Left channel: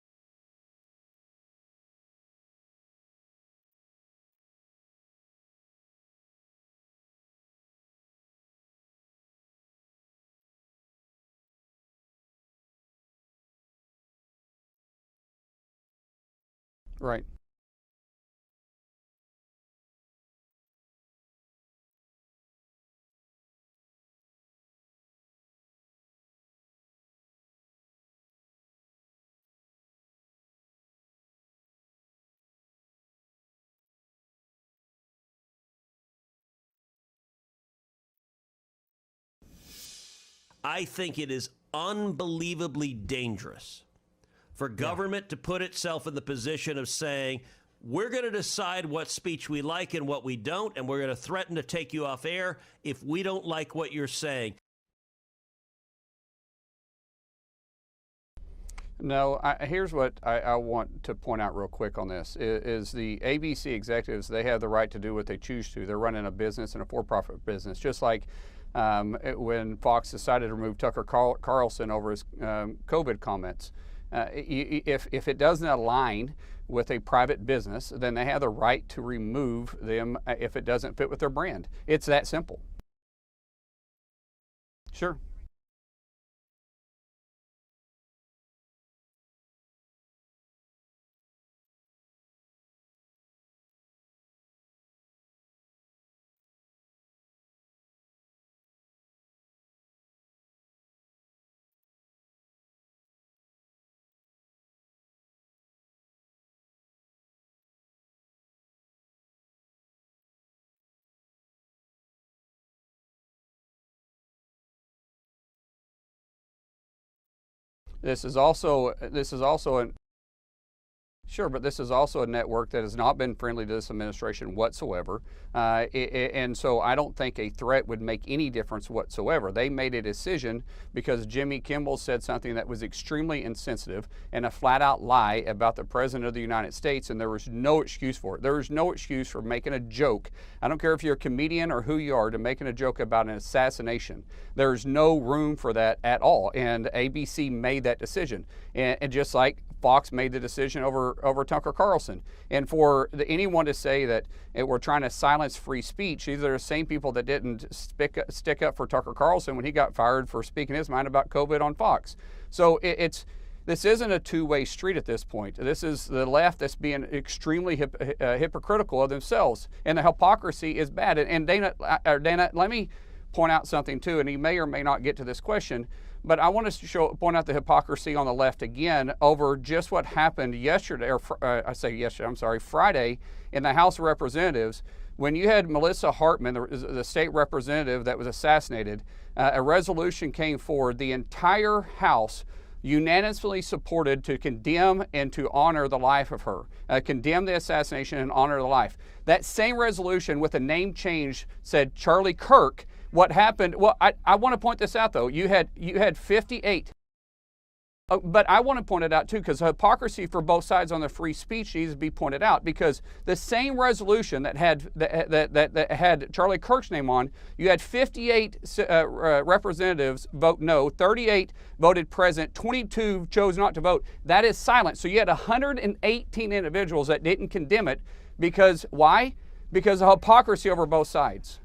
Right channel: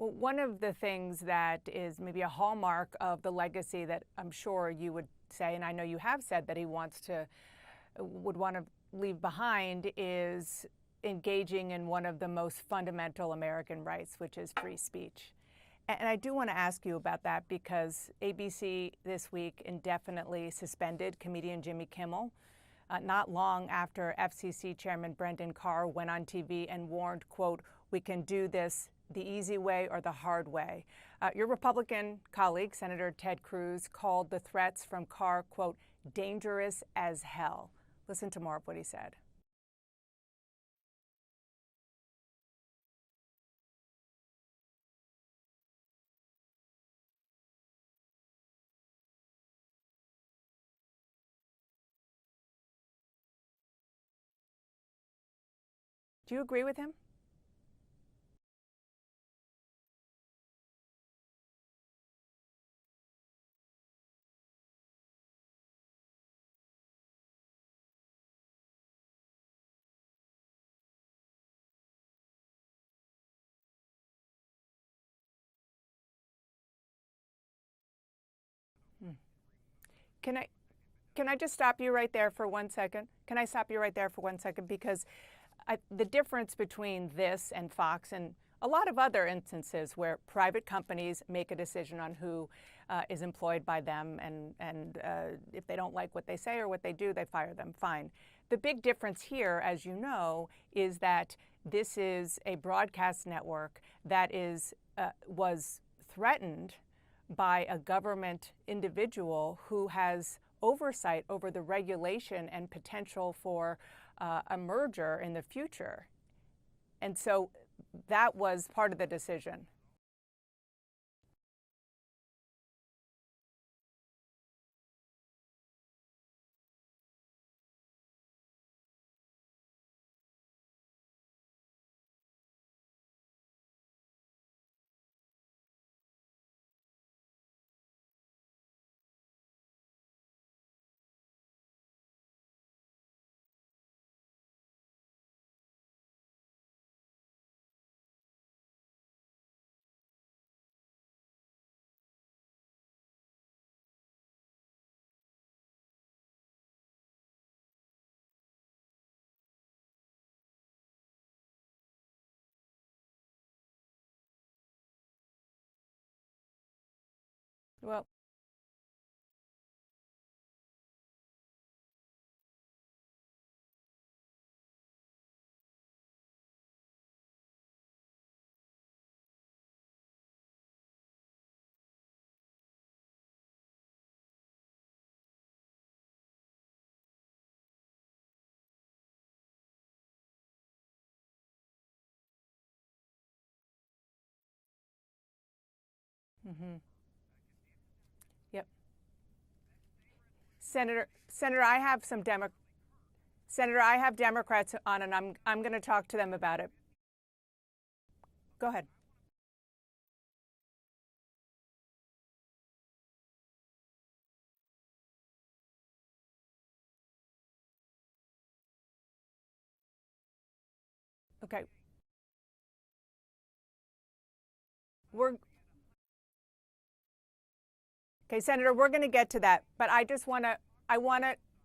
Well, one of the things that is maybe a hallmark of the legacy that I'm sure you would say, and I know you have said that he would want to leave behind, is engaging in one of the most fundamental American rights, which is free speech. And I do want to ask you about that because ABC this week indefinitely suspended comedian Jimmy Kimmel, not long after FCC Chairman Brendan Carr went on TV and warned, quote, "We can do this the easy way or the hard way." Your Republican colleague, Senator Ted Cruz, called the threats from Carr, quote, "dangerous as hell." Listen to more of what he said. I think it is unbelievably dangerous for government to put itself in the position of saying, we're going to decide what speech we like and what we don't, and we're going to threaten to take you off air if we don't like what you're saying. Do you agree with him? No, here's what I want to point out real quick on this, is the ABC executives, they have the right to do what they choose to. They're running a business and a for-profit business, just like when Fox decided to remove Tucker Carlson over his COVID comments. If it doesn't align with a private business, then they have the right to remove them if it doesn't fit with their brand. Can I just stop you right there for 1 second? Can I stop you right there for 1 second? Because sure. The difference between this and Fox and a lot of other instances where private companies make a decision on who is employed by them, and if they don't like what they say or what they do, they fire them. Fine. The big difference here, as you know, is that this is a broadcast network that was threatened by a government individual who has oversight over the regulation and potential for a merger in the future. And so this is also a network that has not been friendly to this administration whatsoever, and so I don't think a threat would make any difference whatsoever. They made a decision because Jimmy Kimmel said something that was extremely insensitive and a flat-out lie about the President of the United States, and there was no excuse for it. There is no excuse for making a joke. I don't care if you're a comedian or who you are, to making a joke about an assassination. There's no room for that at all, and ABC made that decision, and just like Fox made the decision over Tucker Carlson. And for anyone to say that we're trying to silence free speech, these are the same people that didn't stick up for Tucker Carlson when he got fired for speaking his mind about COVID on Fox. So this isn't a two-way street at this point. This is the left that's being extremely hypocritical of themselves, and the hypocrisy is bad. And Dana, let me point out something too, and he may or may not get to this question, but I want to point out the hypocrisy on the left again over just what happened yesterday, or Friday in the House of Representatives when you had Melissa Hartman, the state representative that was assassinated. A resolution came forward. The entire House unanimously supported to condemn and to honor the life of her, condemn the assassination and honor the life. That same resolution with a name change said Charlie Kirk. What happened? Senator, I want to point this out, though. You had 58. But I want to point it out, too, because hypocrisy for both sides on the free speech needs to be pointed out, because the same resolution that had Charlie Kirk's name on, you had 58 representatives vote no, 38 voted present, 22 chose not to vote. That is silent. So you had 118 individuals that didn't condemn it because Senator, why? Get to that, because of hypocrisy over both sides.